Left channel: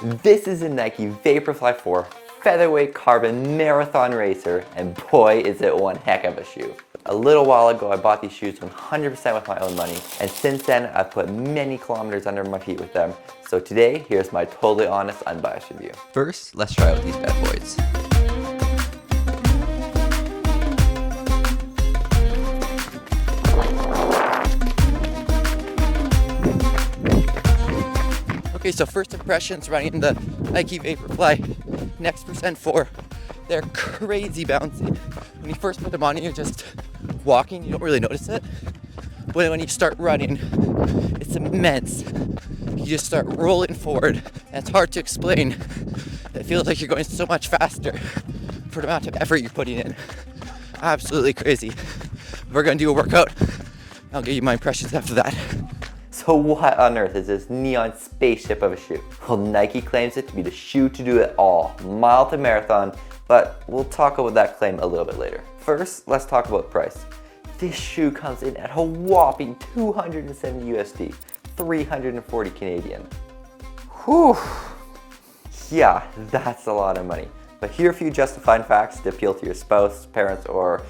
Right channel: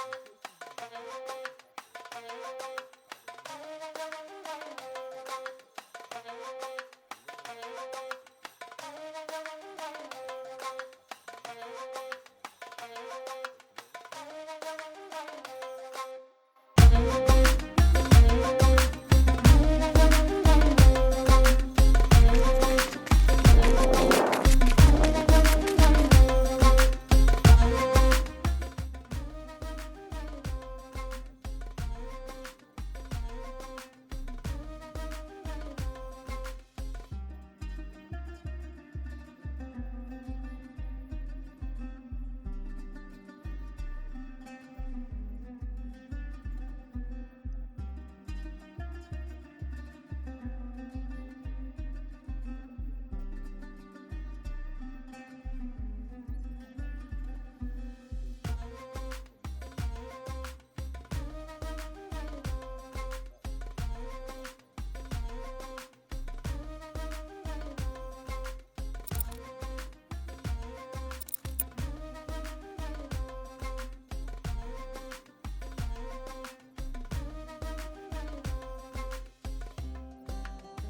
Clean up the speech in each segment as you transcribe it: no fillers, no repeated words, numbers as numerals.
This is a Nike Vaporfly 4 featherweight carbon marathon racer, and boy is it one heck of a shoe. A little while ago I bought these shoes 100% with my own money, and since then I've put many kilometers under my feet with them. So today, here's my totally honest, unbiased review. First, let's try out these bad boys. Okay, so first impressions running the Nike Vaporfly Next Percent 4. They're crazy bouncy. When you first put them on, you're just walking, you don't really notice it. But when you start running, it's immense. You just start rolling forward, and it's hard to explain. It feels like you're going so much faster for the amount of effort you're putting in. Absolutely crazy. We're gonna do a workout. I'll give you my impressions after that. So what on earth is this neon spaceship of a shoe? Well, Nike claims it to be the shoe to do it all, mile to marathon, but we'll talk about that claim a little bit later. First, let's talk about price. This shoe comes in at a whopping 270 USD, 340 Canadian. Whew. Yeah, that's a lot of money. But here are a few justifying facts to appeal to your spouse, parents, or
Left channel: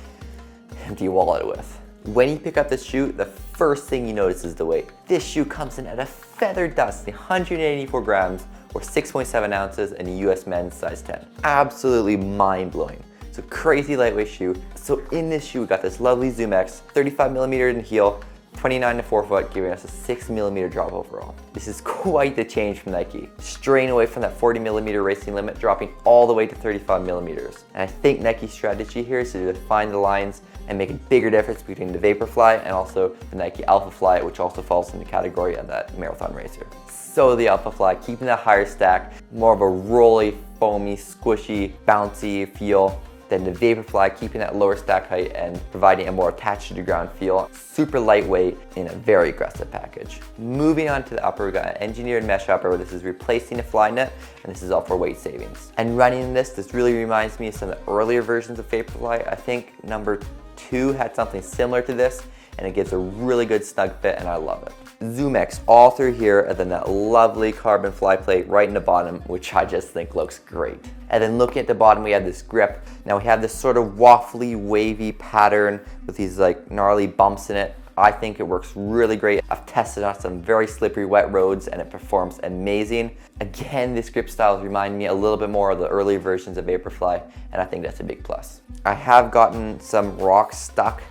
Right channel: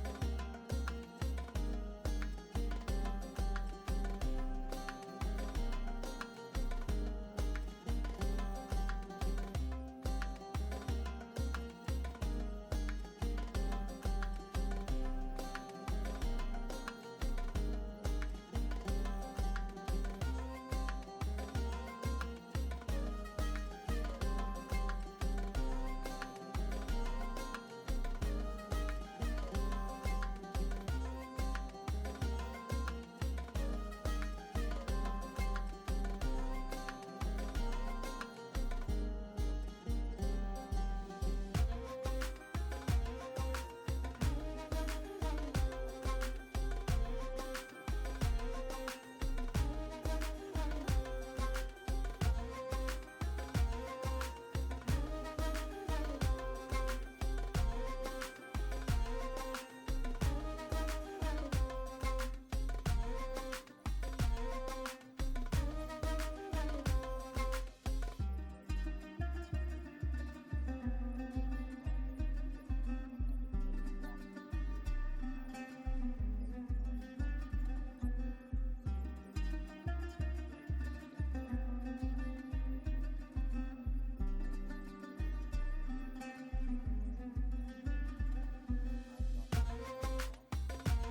empty wallet with. When you pick up this shoe, the first thing you notice is the weight. This shoe comes in at a feather dusty 184 grams or 6.7 ounces in a US men's size 10. Absolutely mind-blowing. It's a crazy lightweight shoe. So in this shoe, we got this lovely Zoom X, 35mm in heel, 29 to 4 foot, giving us a 6mm drop overall. This is quite the change from Nike. Straying away from that 40mm racing limit, dropping all the way to 35mm. And I think Nike's strategy here is to define the lines and make a bigger difference between the Vaporfly and also the Nike Alphafly, which also falls in the category of that marathon racer. So the Alphafly, keeping that higher stack, more of a rolly, foamy, squishy, bouncy feel than the Vaporfly, keeping that lower stack height and providing a more attached to the ground feel. Super lightweight in a very aggressive package. Moving on to the upper, we got an engineered mesh upper where this is replacing a fly net, and this is all for weight savings. And running this really reminds me of some of the earlier versions of Vaporfly. I think number 2 had something similar to this, and it gives a really good snug fit, and I love it. Zoom X all through here, and then that lovely carbon fly plate right in the bottom, which I just think looks great. And then looking at the bottom, we have this grip. Now we have this sort of waffly, wavy pattern with these like gnarly bumps in it. I think it works really great. I've tested on some very slippery, wet roads, and it performs amazing. Again, this grip style reminds me a little bit more of the early versions of Vaporfly, and I think that's a big plus. I have gotten some rocks stuck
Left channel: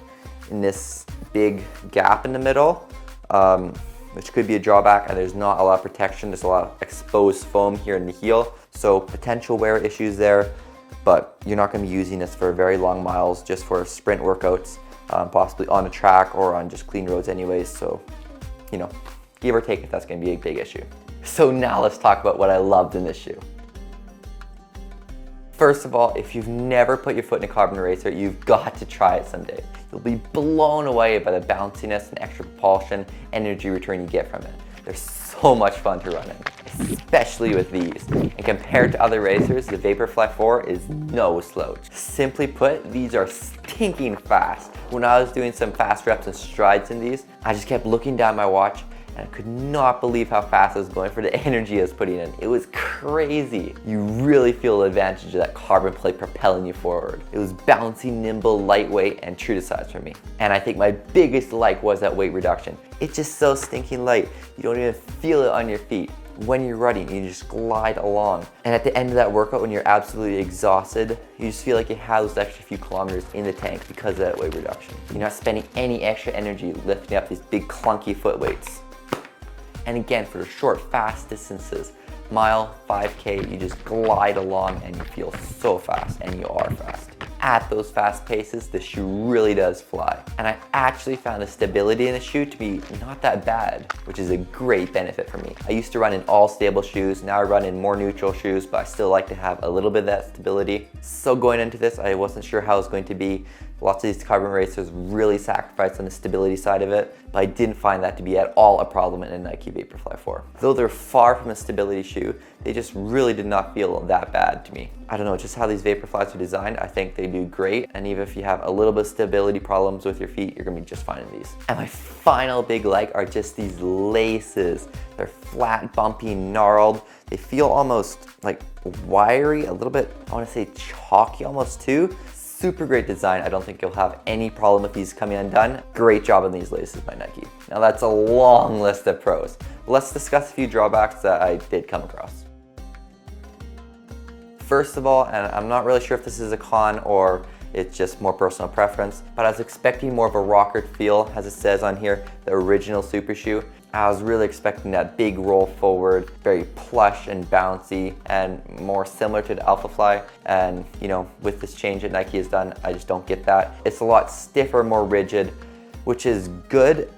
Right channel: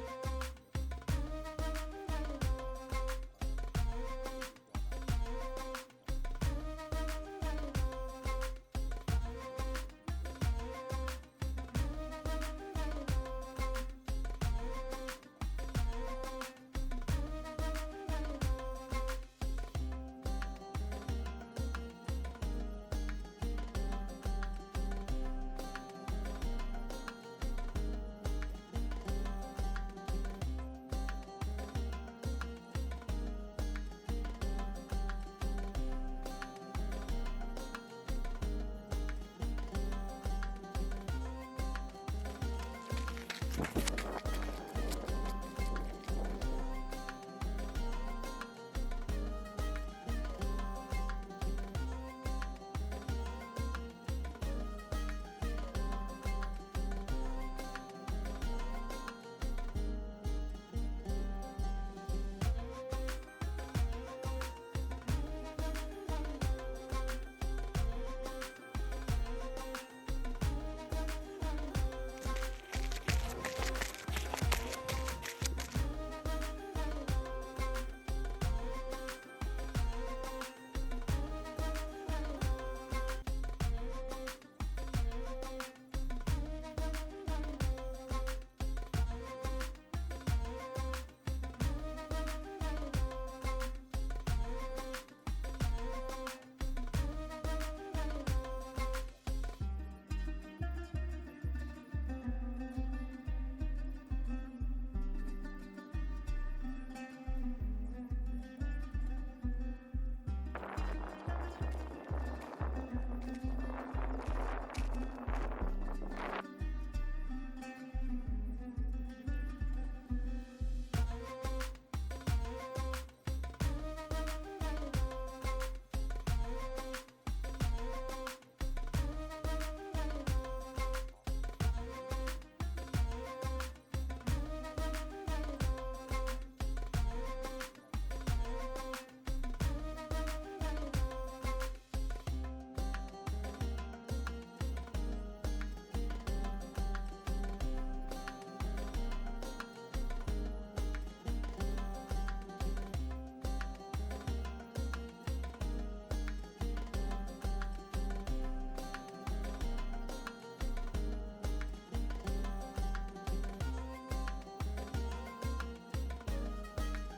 in this big gap in the middle, which could be a drawback, and there's not a lot of protection. There's a lot of exposed foam here in the heel, so potential wear issues there, but you're not going to be using this for very long miles, just for sprint workouts, possibly on a track or on just clean roads anyways, so, you know, give or take if that's going to be a big issue. So now let's talk about what I loved in this shoe. First of all, if you've never put your foot in a carbon racer, you've got to try it someday. You'll be blown away by the bounciness and extra propulsion, energy return you get from it. They're so much fun to run in, especially with these. And compared to other racers, the Vaporfly 4 is no slouch. Simply put, these are stinking fast. When I was doing some fast reps and strides in these, I just kept looking down my watch, and I could not believe how fast I was going for the energy I was putting in. It was crazy. You really feel the advantage of that carbon plate propelling you forward. It was bouncy, nimble, lightweight, and true to size for me. And I think my biggest like was that weight reduction. It's just so stinking light. You don't even feel it on your feet. When you're running, you just glide along. And at the end of that workout, when you're absolutely exhausted, you just feel like you have those extra few kilometers in the tank because of that weight reduction. You're not spending any extra energy lifting up these big clunky foot weights. And again, for short, fast distances, mile, 5K, you just glide along and you feel so fast, and you are fast. At those fast paces, the shoe really does fly. And I actually found the stability in the shoe to be not that bad, which is a great benefit for me. I used to run in all stable shoes, now I run in more neutral shoes, but I still like to have a little bit of that stability. So going into this, I wasn't sure how it was going to be. Lots of these carbon racers really sacrifice on the stability side of it, but I didn't find that to be at all a problem in a Nike Vaporfly 4. Though they're far from a stability shoe, they just really did not feel that bad to me. I don't know, just how these Vaporflies are designed, I think they do great, and even if you have a little bit of stability problems with your feet, you're gonna be just fine in these. And my final big like are just these laces. They're flat, bumpy, gnarled. They feel almost like wiry, a little bit, I wanna say chalky almost too. Super great design. I don't think you'll have any problem with these coming undone. Great job on these laces by Nike. Now that's a long list of pros. Let's discuss a few drawbacks that I did come across. First of all, and I'm not really sure if this is a con or it's just more personal preference, but I was expecting more of a rocker feel, as it says on here, the original Super Shoe. I was really expecting that big roll forward, very plush and bouncy, and more similar to the Alphafly. And you know, with this change that Nike has done, I just don't get that. It's a lot stiffer, more rigid, which is good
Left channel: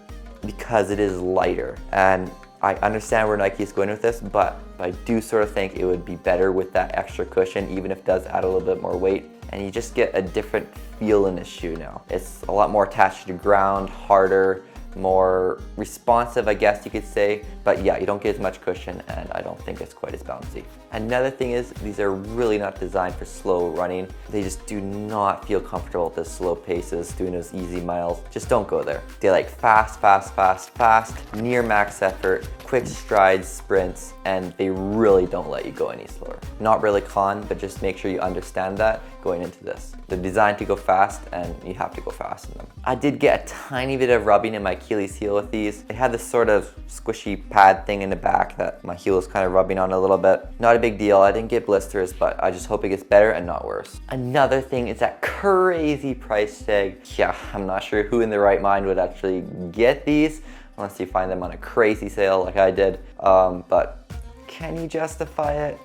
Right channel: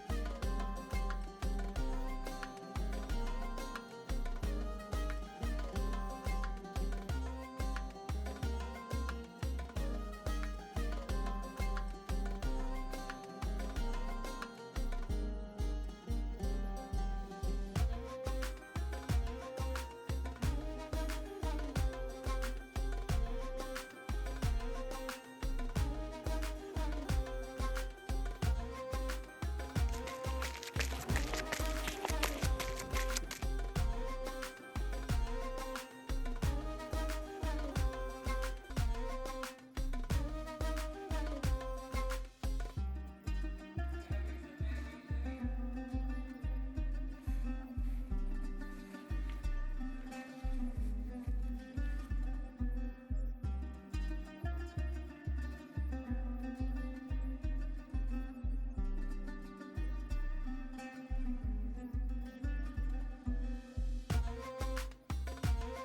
because it is lighter. And I understand where Nike is going with this, but I do sort of think it would be better with that extra cushion, even if it does add a little bit more weight. And you just get a different feel in this shoe now. It's a lot more attached to the ground, harder, more responsive, I guess you could say. But yeah, you don't get as much cushion, and I don't think it's quite as bouncy. Another thing is, these are really not designed for slow running. They just do not feel comfortable at the slow paces, doing those easy miles. Just don't go there. They like fast, near max effort, quick strides, sprints, and they really don't let you go any slower. Not really con, but just make sure you understand that going into this. They're designed to go fast, and you have to go fast in them. I did get a tiny bit of rubbing in my Achilles heel with these. They had this sort of squishy pad thing in the back that my heel was kind of rubbing on a little bit. Not a big deal, I didn't get blisters, but I just hope it gets better and not worse. Another thing is that crazy price tag. Yeah, I'm not sure who in their right mind would actually get these, unless you find them on a crazy sale like I did. But can you justify it?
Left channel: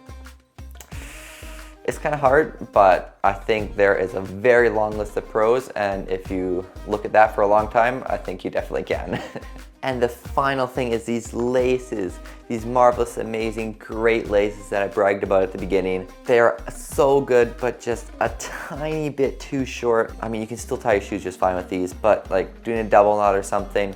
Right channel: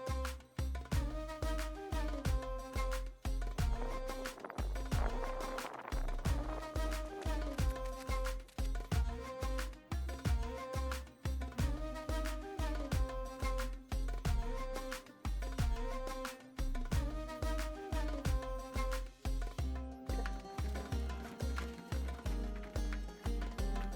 It's kind of hard, but I think there is a very long list of pros, and if you look at that for a long time, I think you definitely can. And the final thing is these laces, these marvelous, amazing, great laces that I bragged about at the beginning. They're so good, but just a tiny bit too short. I mean, you can still tie your shoes just fine with these, but like doing a double knot or something,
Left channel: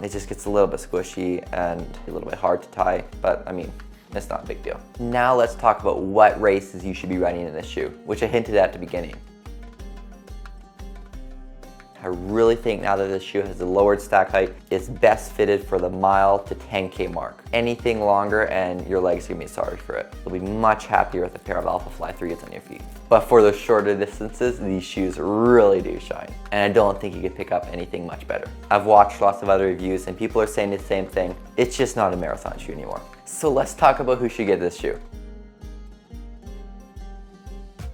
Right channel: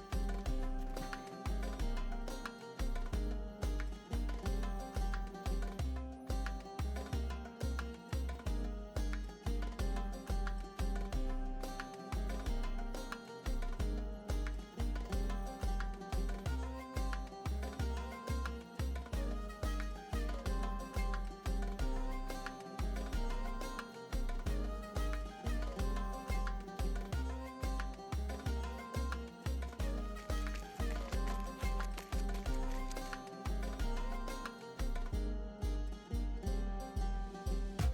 it just gets a little bit squishy and a little bit hard to tie, but I mean, it's not a big deal. Now let's talk about what races you should be running in this shoe, which I hinted at the beginning. I really think now that this shoe has a lowered stack height, it's best fitted for the mile to 10K mark. Anything longer and your legs are gonna be sorry for it. You'll be much happier with a pair of Alphafly 3s on your feet. But for the shorter distances, these shoes really do shine. And I don't think you could pick up anything much better. I've watched lots of other reviews and people are saying the same thing. It's just not a marathon shoe anymore. So let's talk about who should get this shoe.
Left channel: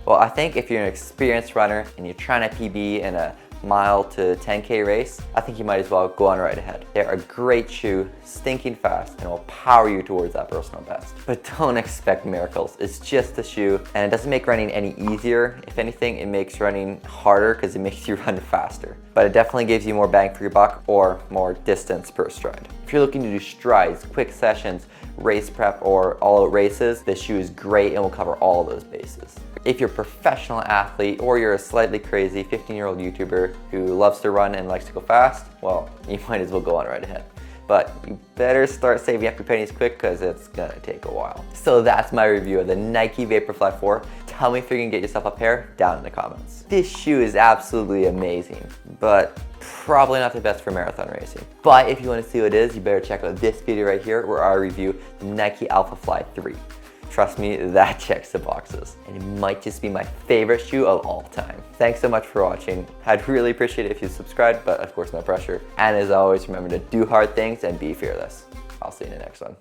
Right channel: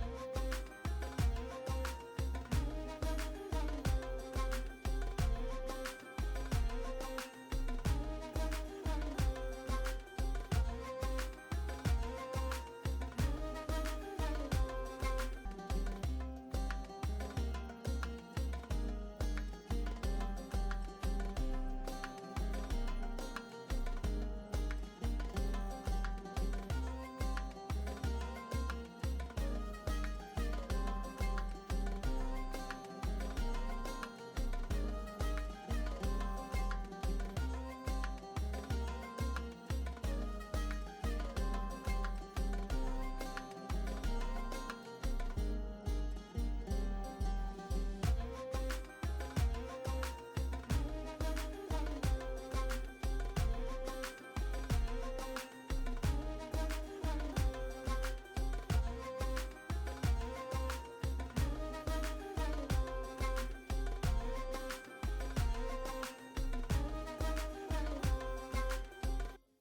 Well, I think if you're an experienced runner and you're trying to PB in a mile to 10K race, I think you might as well go on right ahead. They're a great shoe, stinking fast, and will power you towards that personal best. But don't expect miracles. It's just a shoe, and it doesn't make running any easier. If anything, it makes running harder because it makes you run faster. But it definitely gives you more bang for your buck or more distance per stride. If you're looking to do strides, quick sessions, race prep, or all-out races, this shoe is great and will cover all of those bases. If you're a professional athlete or you're a slightly crazy 15-year-old YouTuber who loves to run and likes to go fast, well, you might as well go on right ahead. But you better start saving up your pennies quick because it's gonna take a while. So that's my review of the Nike Vaporfly 4. Tell me if you can get yourself a pair down in the comments. This shoe is absolutely amazing, but probably not the best for marathon racing. But if you want to see what it is, you better check out this video right here where I review the Nike Alphafly 3. Trust me, that checks the boxes. And it might just be my favorite shoe of all time. Thanks so much for watching. I'd really appreciate it if you subscribed, but of course no pressure. And as always, remember to do hard things and be fearless. I'll see you in the next one.